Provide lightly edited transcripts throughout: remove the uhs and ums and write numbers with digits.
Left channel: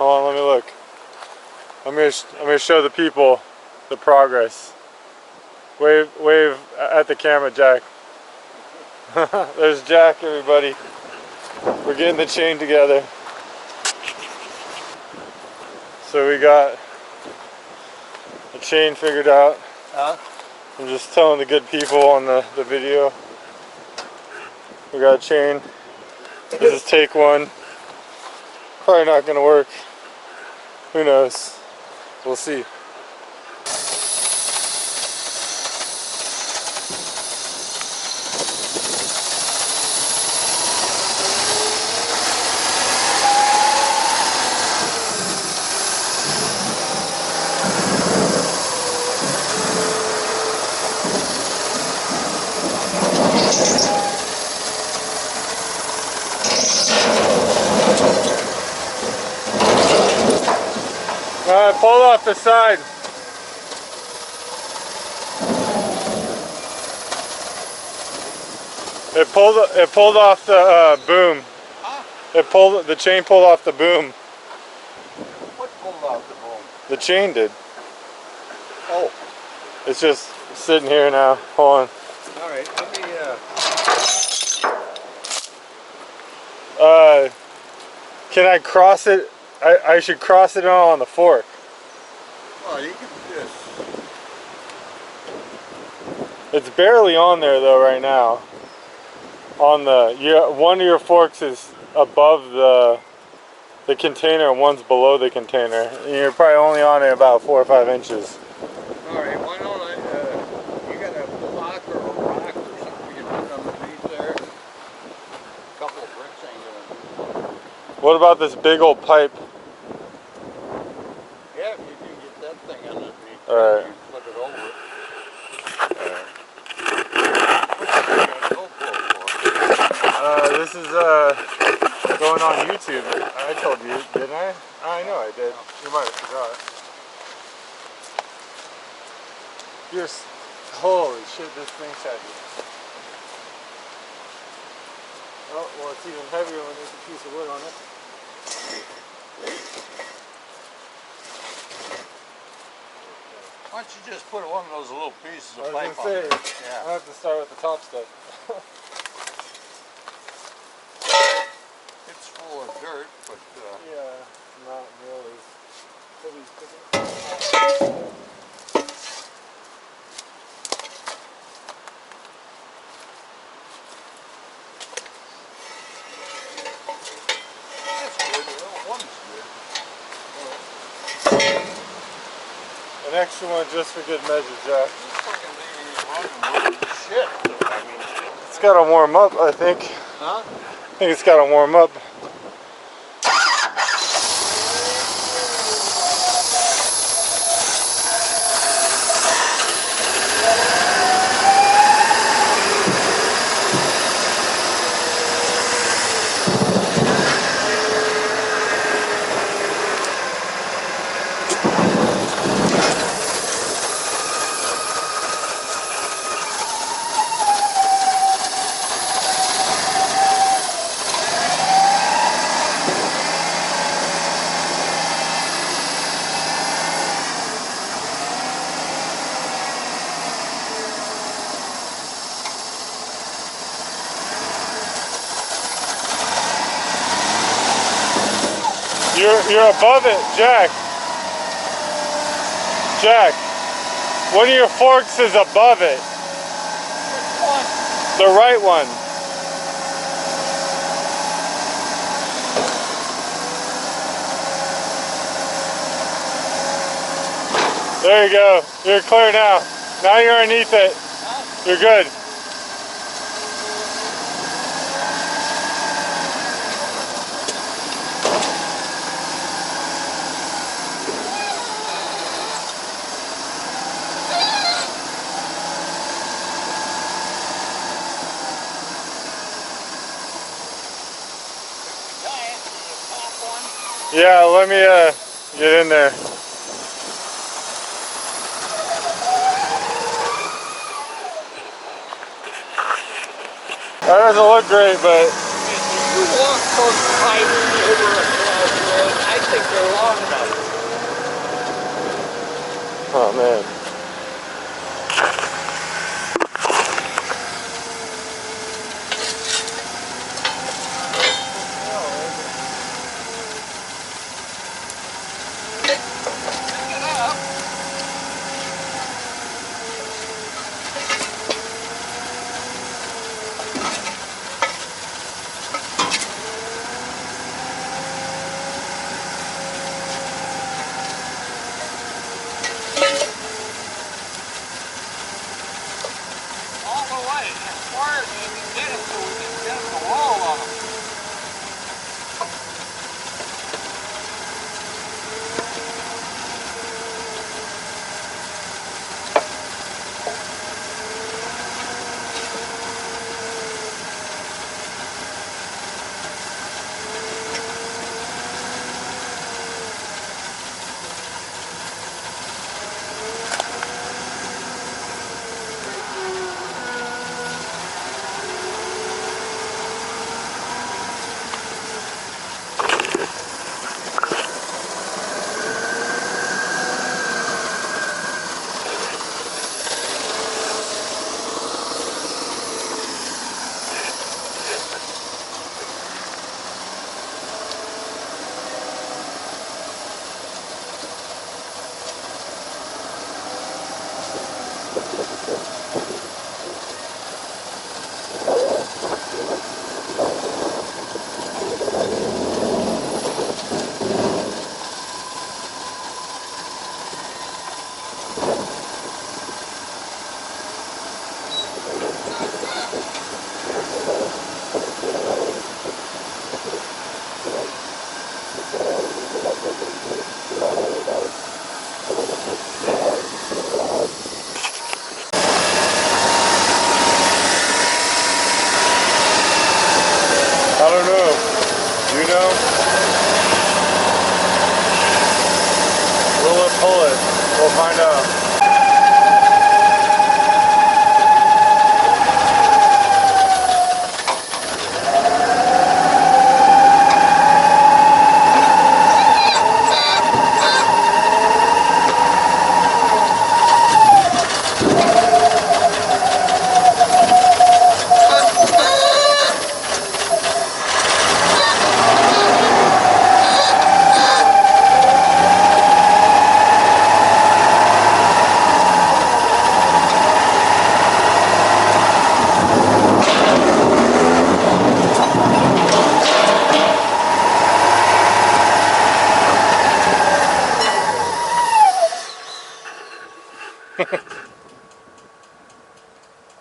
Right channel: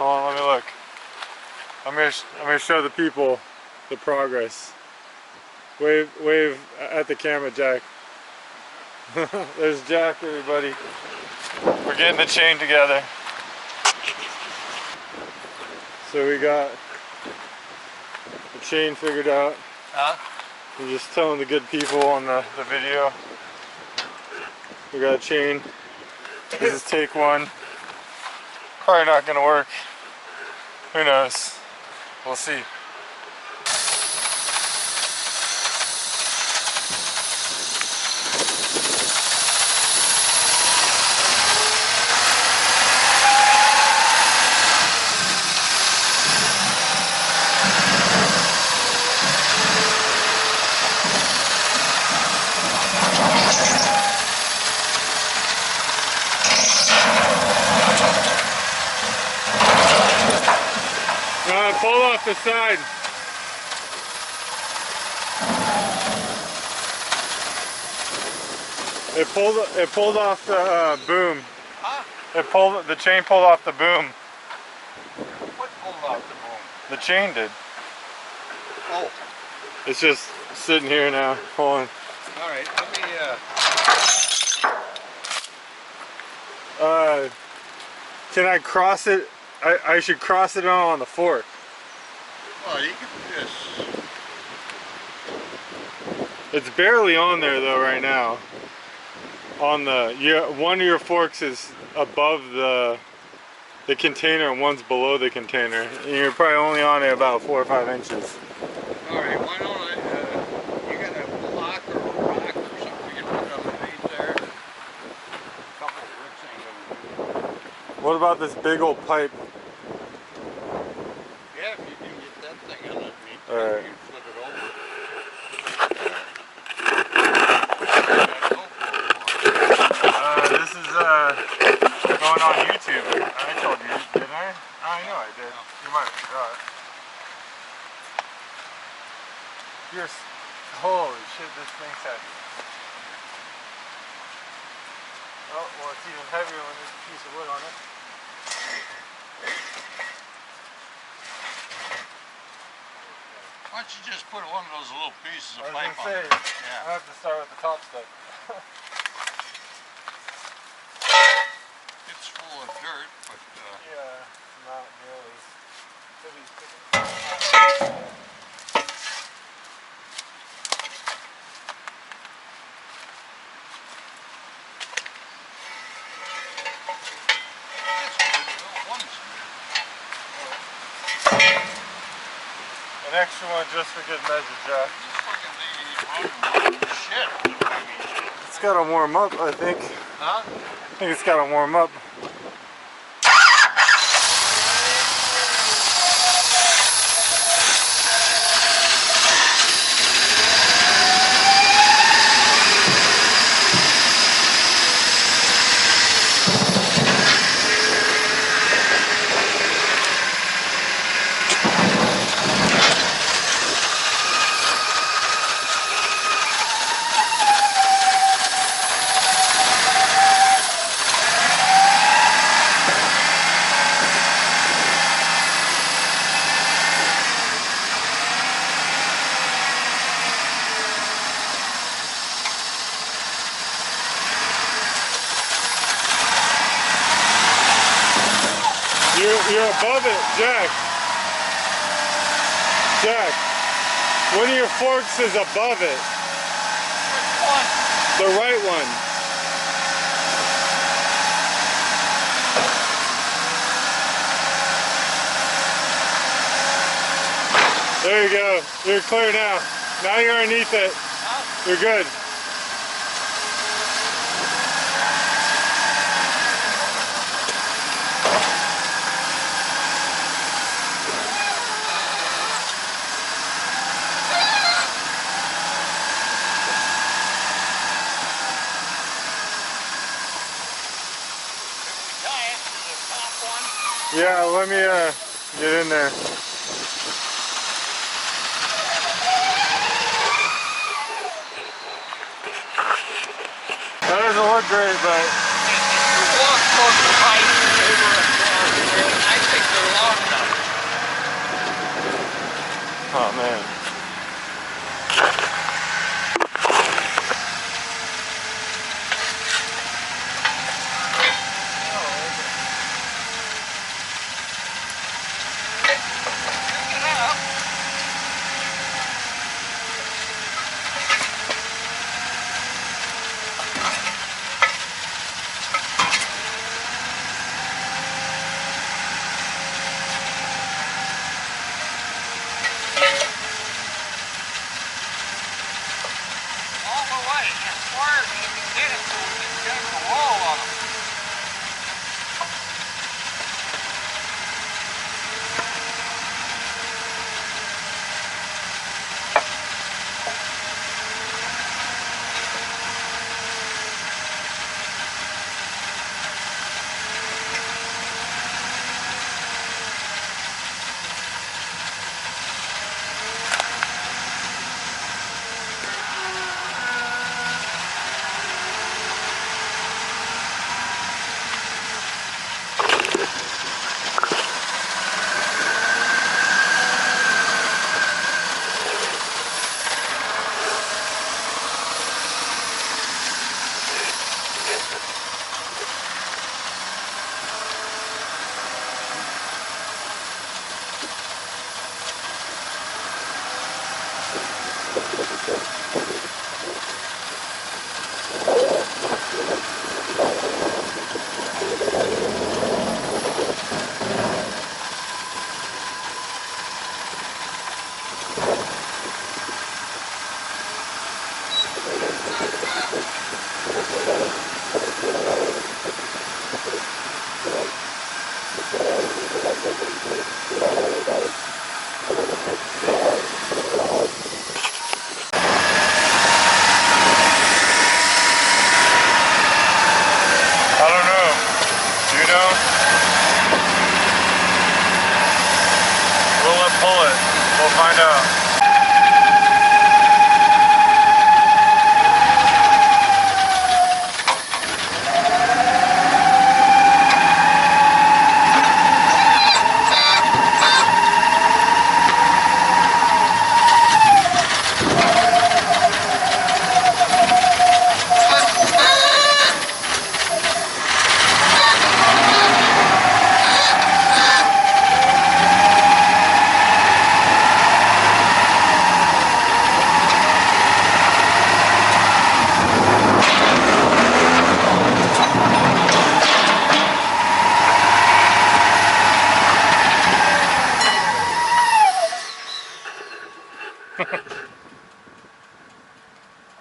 Hold on, let me look. I'm gonna show the people the progress. Wave at the camera, Jack. There's Jack, everybody. We're getting the chain together. So we got the chain figured out. I'm just telling the good people on the video. We got a chain. This is take one. Probably not gonna work. Who knows? We'll see. Pull off the side. It pulled off the boom. Huh? The chain pulled off the boom. What pulled off the boom? The chain did. Oh. It's just sitting here now. Hold on. Alright, let me Can I cross it? I should cross it on the fork. Oh, you can do this. It's barely on there though right now. On the one of your forks is above the container and one's below the container. And you're probably only on it about 4 or 5 inches. Alright, why don't you got a block or a rock or something you can put underneath there? A couple of bricks ain't gonna do. What about this big old pipe? Yeah, if you can get that thing underneath, Alright. you can flip it over. This is going on YouTube. I told you, didn't I? I know I did. You might have forgot. Holy shit, this thing's heavy. Oh, well, it's even heavier when there's a piece of wood on it. Why don't you just put one of those little pieces of pipe on there? it? Yeah. I have to start with the top step. It's full of dirt, but yeah, not nearly as heavy as picking. that's good. One's good. An extra one just for good measure, Jack. This fucking thing ain't running more than shit. I mean, It's got to warm up, I think. huh? I think it's got to warm up. You're above it, Jack. Jack, one of your forks is above it. Which one? The right one. There you go. You're clear now. Now you're underneath it. You're good. Yeah, let me get in there. That doesn't look great, but If you walk those pipes over there, I think they're long enough. Oh man.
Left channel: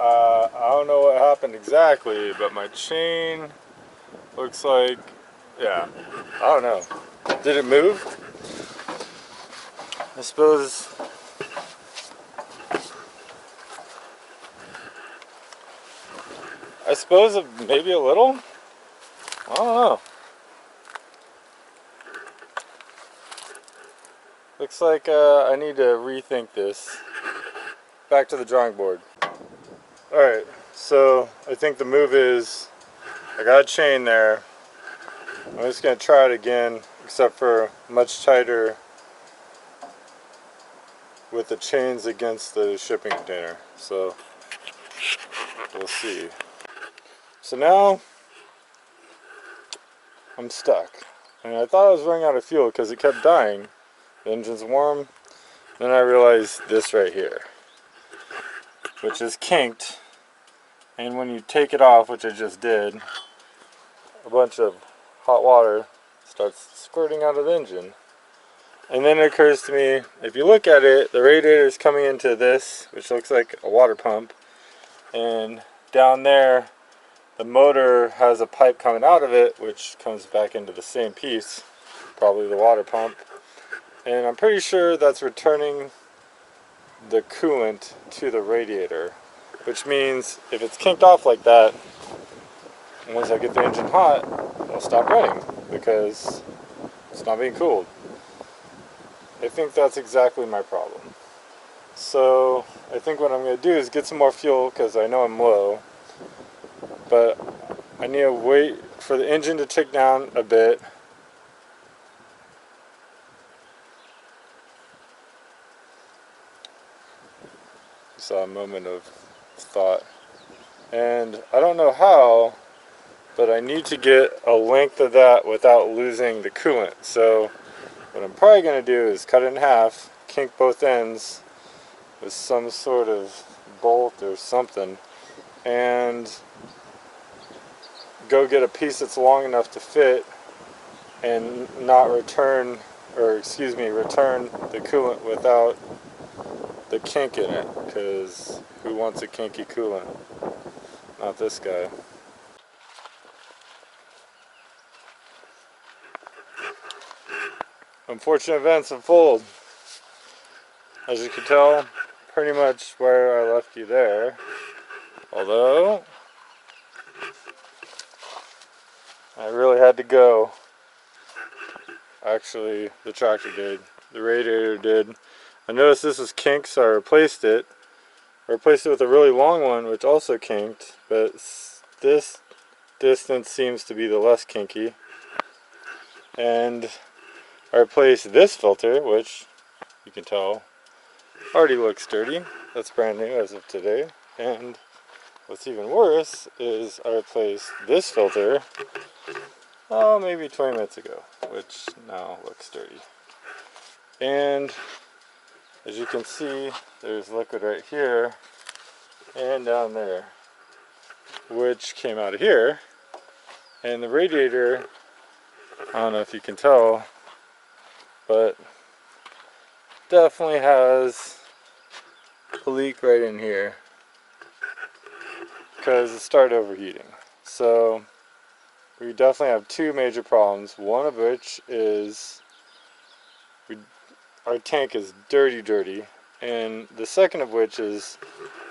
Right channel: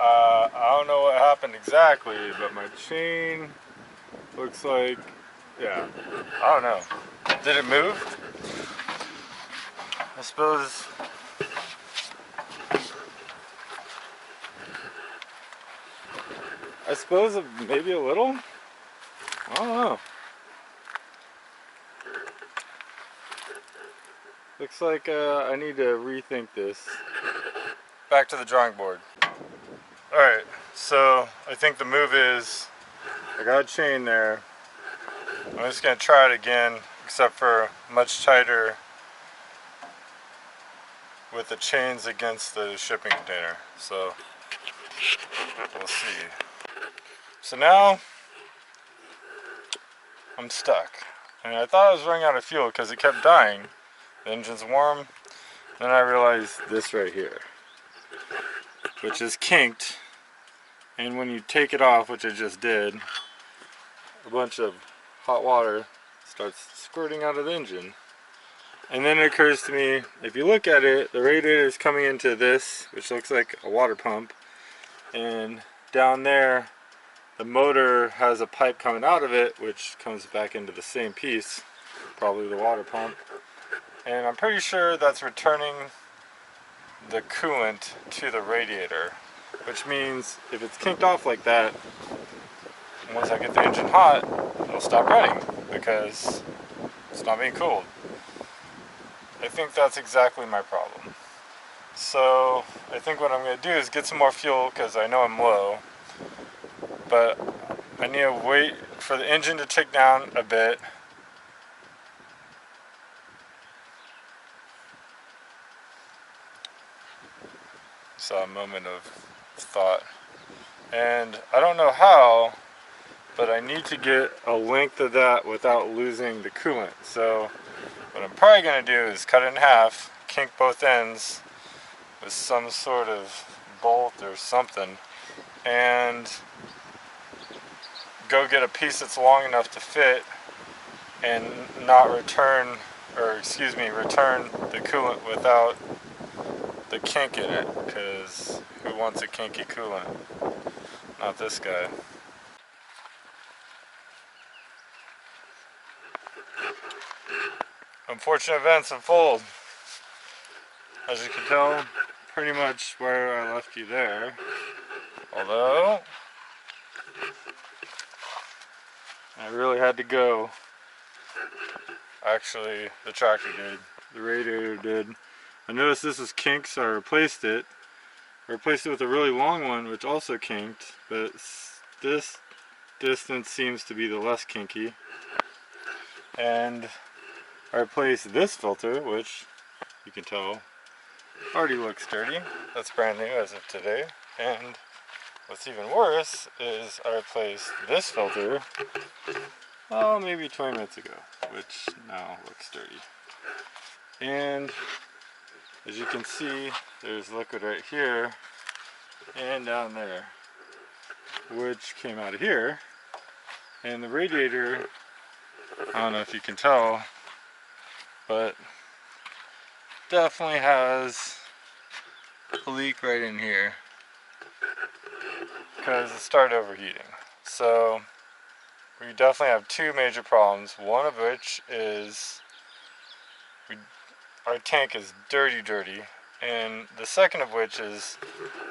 I don't know what happened exactly, but my chain looks like, yeah, I don't know. Did it move? I suppose. Maybe a little? I don't know. Looks like I need to rethink this. Back to the drawing board. Alright, so I think the move is, I got a chain there. I'm just going to try it again, except for much tighter with the chains against the shipping container. So, we'll see. So now, I'm stuck. And I thought I was running out of fuel because it kept dying. The engine's warm. Then I realized this right here, which is kinked. And when you take it off, which I just did, a bunch of hot water starts squirting out of the engine. And then it occurs to me, if you look at it, the radiator is coming into this, which looks like a water pump. And down there, the motor has a pipe coming out of it, which comes back into the same piece, probably the water pump. And I'm pretty sure that's returning the coolant to the radiator. Which means if it's kinked off like that, once I get the engine hot, I'll stop running because it's not being cooled. I think that's exactly my problem. So I think what I'm going to do is get some more fuel because I know I'm low. But I need to wait for the engine to tick down a bit. just a moment of thought. And I don't know how, but I need to get a length of that without losing the coolant. So what I'm probably going to do is cut it in half, kink both ends with some sort of bolt or something, and go get a piece that's long enough to fit and not return, or excuse me, return the coolant without the kink in it, because who wants a kinky coolant? Not this guy. Unfortunate events unfold. As you can tell, pretty much where I left you there. Although, I really had to go. Actually, the tractor did. The radiator did. I noticed this was kinked, so I replaced it. I replaced it with a really long one, which also kinked, but this distance seems to be the less kinky. And I replaced this filter, which you can tell already looks dirty. That's brand new as of today. And what's even worse is I replaced this filter, oh, maybe 20 minutes ago, which now looks dirty. And as you can see, there's liquid right here and down there, which came out of here. And the radiator, I don't know if you can tell, but definitely has a leak right in here because it started overheating. So we definitely have two major problems, one of which is our tank is dirty, and the second of which is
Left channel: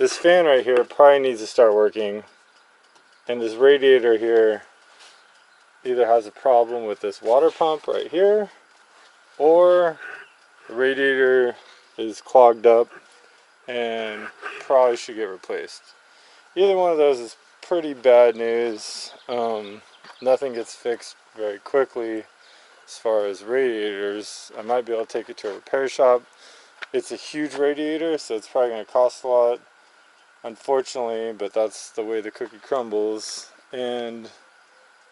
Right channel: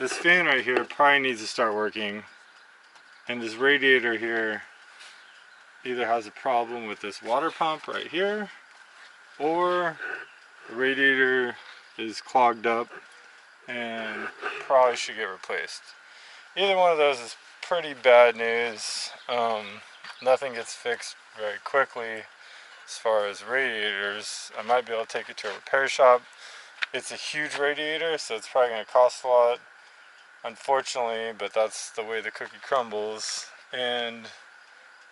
this fan right here probably needs to start working, and this radiator here either has a problem with this water pump right here, or the radiator is clogged up and probably should get replaced. Either one of those is pretty bad news. Nothing gets fixed very quickly as far as radiators. I might be able to take it to a repair shop. It's a huge radiator, so it's probably going to cost a lot, unfortunately, but that's the way the cookie crumbles. And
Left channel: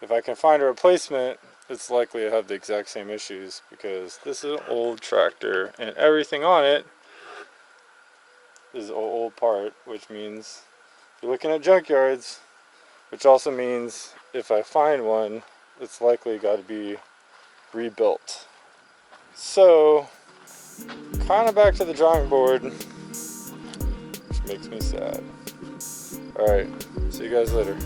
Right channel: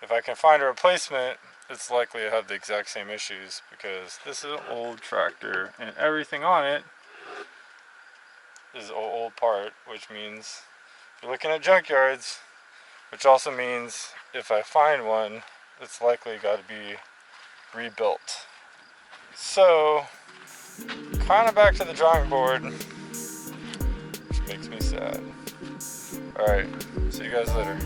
if I can find a replacement, it's likely to have the exact same issues, because this is an old tractor and everything on it is an old part, which means you're looking at junkyards, which also means if I find one, it's likely got to be rebuilt. So, kind of back to the drawing board, which makes me sad. Alright, see you guys later.